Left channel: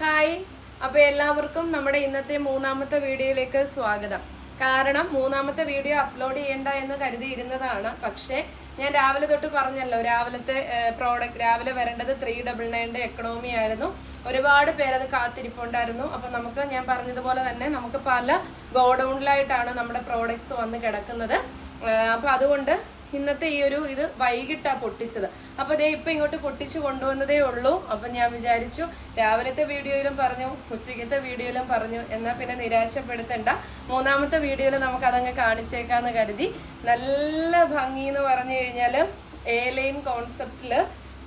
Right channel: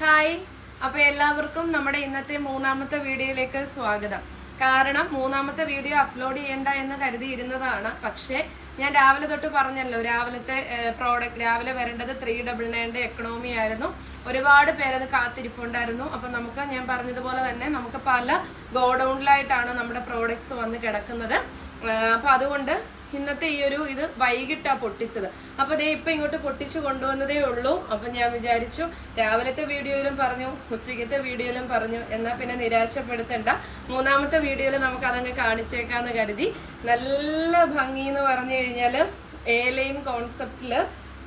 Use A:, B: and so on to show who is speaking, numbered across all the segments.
A: Hi. അപ്പോൾ എല്ലാവർക്കും നമ്മുടെ ഇന്നത്തെ മൂന്നാമത്തെ വീഡിയോയിലേക്ക് സ്വാഗതം. കാരണം മൂന്നാമത്തെ വീഡിയോ അപ്ലോഡ് ചെയ്യണ്ട എന്ന് കരുതിയിരുന്നതാണ്. പക്ഷേ ഞാൻ രാവിലെ തൊട്ട് പറഞ്ഞല്ലോ രാവിലത്തെ പ്രോഡക്റ്റ് രാവിലെ വരേണ്ടത് ത്രീ ഡബിൾ നയന്റെ എക്കണോമി ആയിരുന്നു. ഒരുപാട് പേരത് കാത്തിരിപ്പുണ്ടായിരുന്നു. അപ്പോൾ നമുക്ക് ഞാൻ പറഞ്ഞതുപോലെ തന്നെ നമുക്ക് പല ഗോഡൗണിലായിട്ടാണ് നമ്മുടെ പ്രോഡക്റ്റ്സ് വന്ന് കിടക്കുന്നത്. അപ്പോൾ അപ്പൊ അതുകൊണ്ട് ഇന്നത്തെ ഈ ഒരു ഇത് വൈകിട്ടാ പൊട്ടിച്ചത്. അപ്പൊ അതേ ഇപ്പൊ ഇങ്ങോട്ട് പൊട്ടിച്ചു കൊണ്ടുവന്നതേ ഉള്ളൂ. അപ്പൊ ഞാൻ വിചാരിച്ചു രാവിലത്തെ വീഡിയോയിലും പറഞ്ഞു ഉച്ചയ്ക്കത്തെ വീഡിയോയിലും പറഞ്ഞു. എന്നാ പിന്നെ നിരാശപ്പെടുത്തണ്ട. മൂന്നാമത്തെ വീഡിയോയിൽ നമുക്ക് അതങ്ങ് കാണിച്ചേക്കാന്ന് കരുതി. നല്ല ഭംഗി എന്ന് പറഞ്ഞു കഴിഞ്ഞാൽ എ ലൈൻ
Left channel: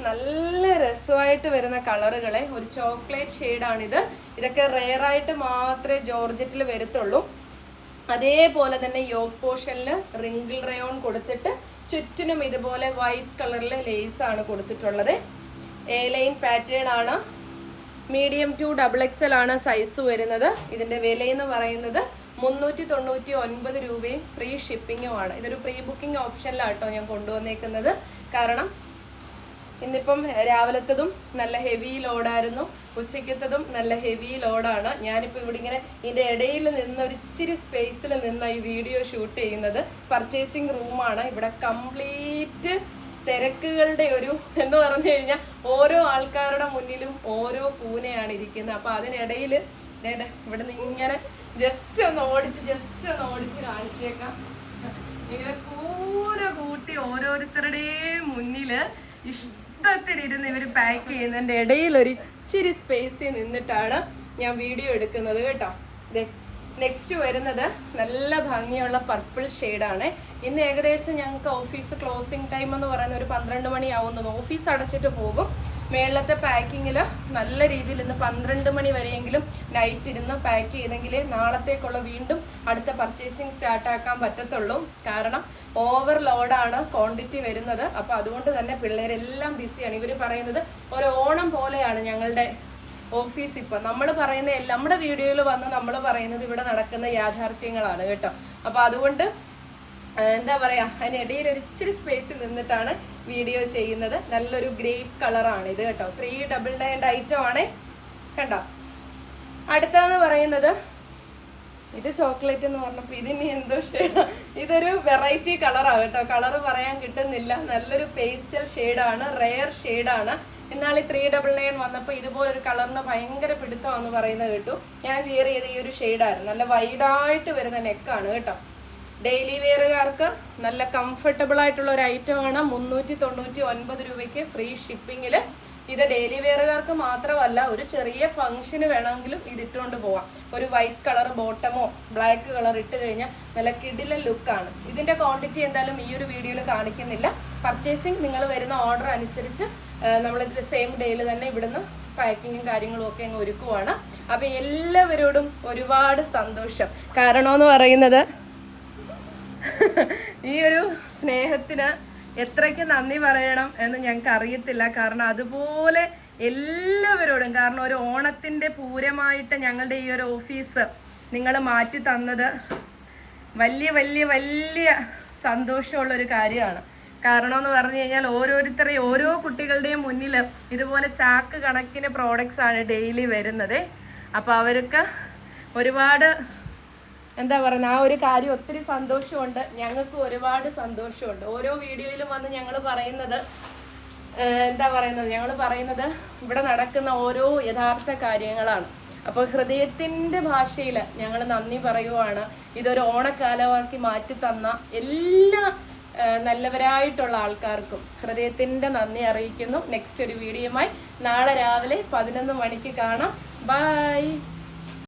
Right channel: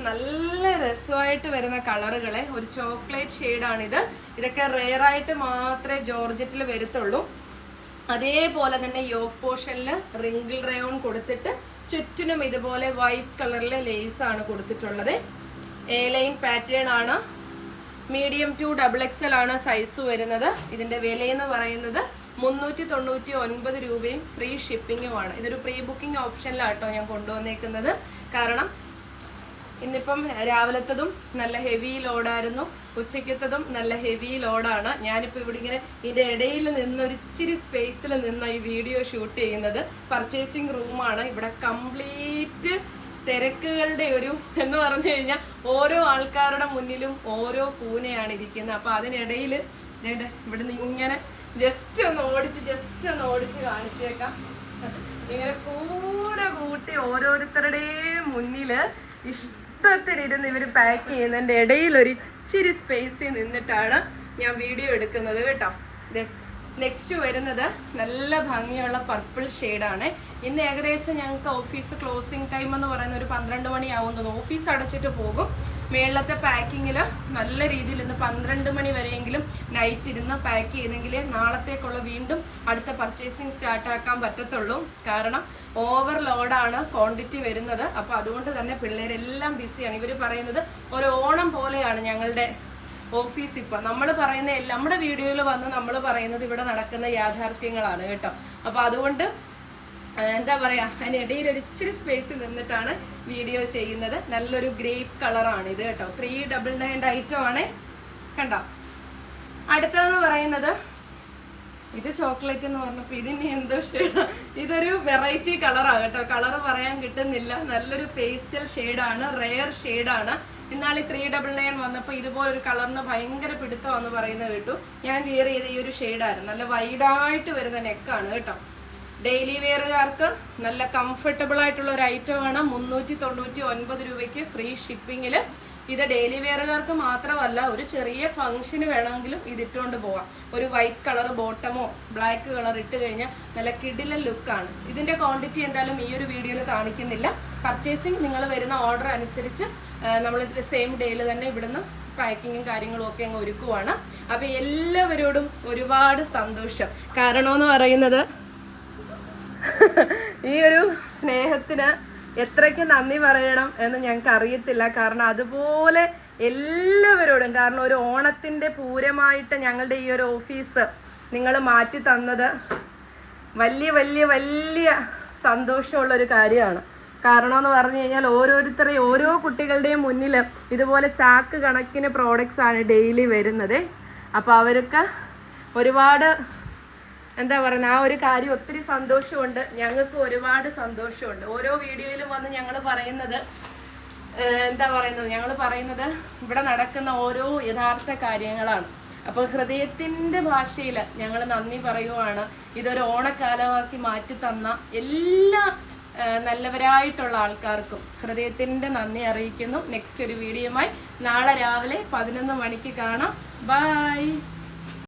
A: നല്ല രസമായിട്ട് വരുന്ന കളറുകളെ ഒരു ചോക്ലേറ്റ് ഷെയ്ഡാണിത്. ഇതൊക്കെ റെയർ ആയിട്ട് മാത്രമേ ജോർജറ്റിൽ വരത്തുള്ളൂ. അതേപോലെ തന്നെ യോഗ് പോർഷനിൽ റിങ്കിൾ റയോൺ കൊടുത്തിട്ട് ചുറ്റിനും ഇതുപോലെ വൈറ്റ് കളറിലെ ലേസ് ആണ് കൊടുത്തിട്ടുള്ളത്. എ ലൈൻ പാറ്റേൺ ആണ്. മീഡിയം ടു ഡബിൾ എക്സൽ ആണ് സൈസ് വരുന്നത്. ഇതിന്റെ വില എന്ന് പറയുന്നത് മുന്നൂറ്റി തൊണ്ണൂറ്റി ഒൻപത് രൂപയും ഫ്രീ ഷിപ്പിങ്ങുമാണ് ഇതൊരു പ്രീ ബുക്കിംഗ് ഓപ്ഷനിലാട്ടോ ഞാൻ കൊണ്ടുവന്നേക്കുന്നത്. കാരണം ഇന്നിപ്പം രാവിലത്തതും നല്ല ഹെവി ലോഡായിരുന്നു ഉച്ചയ്ക്കത്തതും നല്ല ഹെവി ലോഡാണ് ഞാനിപ്പോൾ ഇവിടെ ഇങ്ങനെ ഇതിന്റെ ഇടയിൽ നിന്ന് ഒരു ഇച്ചിരി സ്പേസിൽ നിന്ന് ഈ വീഡിയോ ഷൂട്ട് ചെയ്യുന്നത്. പർച്ചേസിങ് റൂമാണ് ഇവിടെ കംപ്ലീറ്റ് തിരക്കുകളുടെ ഒരു എന്ന് പറഞ്ഞു കഴിഞ്ഞാൽ ഓരോ ആൾക്കാരുടെ മുന്നിലും ഓരോ കൂനയാണ് ഇരിക്കുന്നത്. അപ്പോൾ അതിനിടയിൽ ഇവിടെ നിന്ന് ഇങ്ങനെ ജസ്റ്റ് ഒന്ന് ഓടിച്ച് ജസ്റ്റ് ഒന്ന് ഓടിച്ച് കാണിച്ചേക്കാം. ഇങ്ങനെ കൂന കൂട്ടി ഓരോരുത്തരുടെയും മുന്നിൽ ഇഷ്ടത്തിലിരുന്ന് ഇവർ പാക്ക് ചെയ്യുന്നതിന്റെ ഇടയിൽ ഒരു ഇച്ചിരി സ്പേസിൽ നിന്നിട്ടാണ് ഞാൻ വീഡിയോ എടുക്കുന്നത് കേട്ടോ. നെക്സ്റ്റ് വരുന്നത് നല്ല ഭംഗിയുള്ള പർപ്പിൾ ആണ്. ഇന്ന് ഏകദേശം ഞങ്ങൾക്ക് ഓഫീസ് ക്ലോസിംഗ് ടൈം എന്ന് പറയുന്ന ഒരു പന്ത്രണ്ട് മണിയാവുന്നത്. ഓഫീസ് അടച്ചിട്ട് പോകും. മേളത്തെ പാക്കിങ്ങിൽ നല്ല രീതിയിൽ ഇന്ന് പന്ത്രണ്ട് മണി വരെയെങ്കിലും നൈറ്റ് ഇരുന്ന് പാക്ക് ചെയ്തെങ്കിലേ നാളത്തേക്കുള്ള വീണ്ടും അടുത്ത പർച്ചേസിങ് സ്റ്റാർട്ടാക്കാൻ പറ്റത്തുള്ളൂ. കാരണം ഓവർ ലോഡാണ് ക്വാണ്ടിറ്റി വരുന്നത്. അപ്പോൾ അതുകൊണ്ട് തന്നെ പിള്ളേരെല്ലാം ബിസിയാണ് ഇവർ പറയുന്നത് ഒരു ഓണം പോലെയാണ് ഞങ്ങളുടെ ഓഫീസ് ഇപ്പൊ. നമ്മൾ പറയുന്ന നമ്മുടെ വീഡിയോയിൽ വന്ന് നമ്മൾ പറയുന്നത് ഇവിടെ നടക്കുന്ന യാഥാർത്ഥ്യങ്ങളാണ് കേട്ടോ. അപ്പോൾ അതുകൊണ്ട് എന്താ പറയാ അതിനിടയിൽ ഒരു ഇച്ചിരി സ്പേസിൽ നിന്നിട്ടാണ് വീഡിയോ ചെയ്യുന്നത്. നല്ലൊരു ഗ്രേപ്പ് കളറാണ് ഇത് കേട്ടോ. ത്രീ ഡബിൾ നയൻ ഐറ്റം ആണ്. കണ്ടോ? അടുത്തതെന്ന് പറയുന്നത് ഇത് ചോക്ലേറ്റ് എന്ന് പറഞ്ഞപ്പോൾ ഇതിന് എന്തോ ഷെയ്ഡ് ഇതൊരു വെറൈറ്റി കളറാണ് കേട്ടോ. കളർ പറയാൻ കിട്ടുന്നില്ല. നല്ലൊരു ഫേഷ്യൽ ഷെയ്ഡാണ് റെയർ ഷെയ്ഡാണ് എന്നാൽ ഈ ത്രീ ഡബിൾ നയൻ വന്നപ്പോൾ ഇതുപോലൊരു കളറിന് ഭയങ്കര പിടുത്തമാണെന്ന് പറയുന്നത് കേട്ടു. ഞാൻ വിയർ ചെയ്ത ഈ ഒരു ഷെയ്ഡായിരുന്നു നല്ല വൈഡായിട്ട് വരുന്ന നെക്കാണ് കേട്ടോ. ഡെയിലി വെയറുകാർക്ക് നല്ല കംഫർട്ടബിൾ ആയിട്ടുള്ള ഒരു ഐറ്റമാണ് മുന്നൂറ്റി തൊണ്ണൂറ്റി ഒൻപത് രൂപയ്ക്ക് ഫ്രീ ഷിപ്പിങ്ങിൽ ഇത് ഡെയിലി വെയറുകാർക്ക് മാത്രമല്ല ഒരു ചെറിയ ഫംഗ്ഷന് വേണമെങ്കിലും ഇത് പോവാം. ഒരു വൈറ്റ് കളർ ബോട്ടമോ ബ്ലാക്ക് കളർ ഇട്ട് കഴിഞ്ഞാൽ നല്ല കിടിലൻ ലുക്കാണ് ഇതിന്റെ ക്വാണ്ടിറ്റി എന്തായാലും ഈ ഒരു വീഡിയോയിൽ കാണിക്കുന്നില്ല. പർച്ചേസിങ് നിങ്ങൾ വരുന്ന ഓർഡർ അനുസരിച്ച് നമ്മൾ സെയിം ഡേയിൽ തന്നെ ഇവിടുന്ന് പാക്കിങ്ങും കാര്യങ്ങളും ഒക്കെ അങ്ങ് ഒരുക്കുവാണ്. അപ്പൊ എല്ലാവരോടും ഒരുപാട് സന്തോഷം. കാരണമെന്ന് പറയുന്നത് ഈ ഒരു സ്നേഹത്തിന് എത്രയ്ക്ക് നന്ദി പറയണം എന്ന് ഞങ്ങൾക്ക് അറിയത്തില്ല. കാരണം അതുപോലെ എല്ലാവരോടും കാരണം ഒരു ഓണത്തിന്റെ പൂരമായിട്ട് ഞങ്ങളുടെ ഈ ഒരു ഓഫീസ് നിങ്ങൾ മാറ്റി തന്നത് വലിയ വലിയ വലിയ സന്തോഷമുള്ള ഒരു കാര്യമാണ്. കാരണം എന്ന് പറഞ്ഞു കഴിഞ്ഞാൽ ഓരോരുത്തരെയും ഓരോ കുട്ടികളുടെയും മുന്നിൽ ഇതുപോലെ ചാക്ക് കണക്കിന് പ്രോഡക്റ്റ്സ് ആണ് ഡെയിലി വരുന്നത്. അപ്പോൾ അവർക്ക് ഒരുപാട് എന്താ പറയുന്നത് ആ ഒരു കാര്യം ഒത്തിരി സന്തോഷമുണ്ട്. ഞങ്ങൾക്ക് ഒരുപാട് സന്തോഷമുണ്ട്. ഓരോ വീഡിയോയിലും വന്ന് ഞങ്ങൾ പറയുന്നത് എന്താ പറയുന്നത്? ഞങ്ങൾ പറയുന്നത് ഇവിടെ നടക്കുന്ന ഓരോ യഥാർത്ഥ കാര്യങ്ങളാണ്. അപ്പോൾ ഹൃദയത്തിന്റെ ഭാഷയിൽ ഞങ്ങൾ നന്ദി പറയുവാണ്. ഇതൊരു ഓണക്കാലമാക്കി മാറ്റി തന്ന എല്ലാ നല്ലവരായിട്ടുള്ള ആൾക്കാർക്കും ഹൃദയത്തിന്റെ നന്ദി അറിയിക്കുന്നു. നെക്സ്റ്റ് ഒരു വീഡിയോയുമായി നാളെ രാവിലെ പതിനൊന്ന് മണിക്ക് കാണാം. ബൈ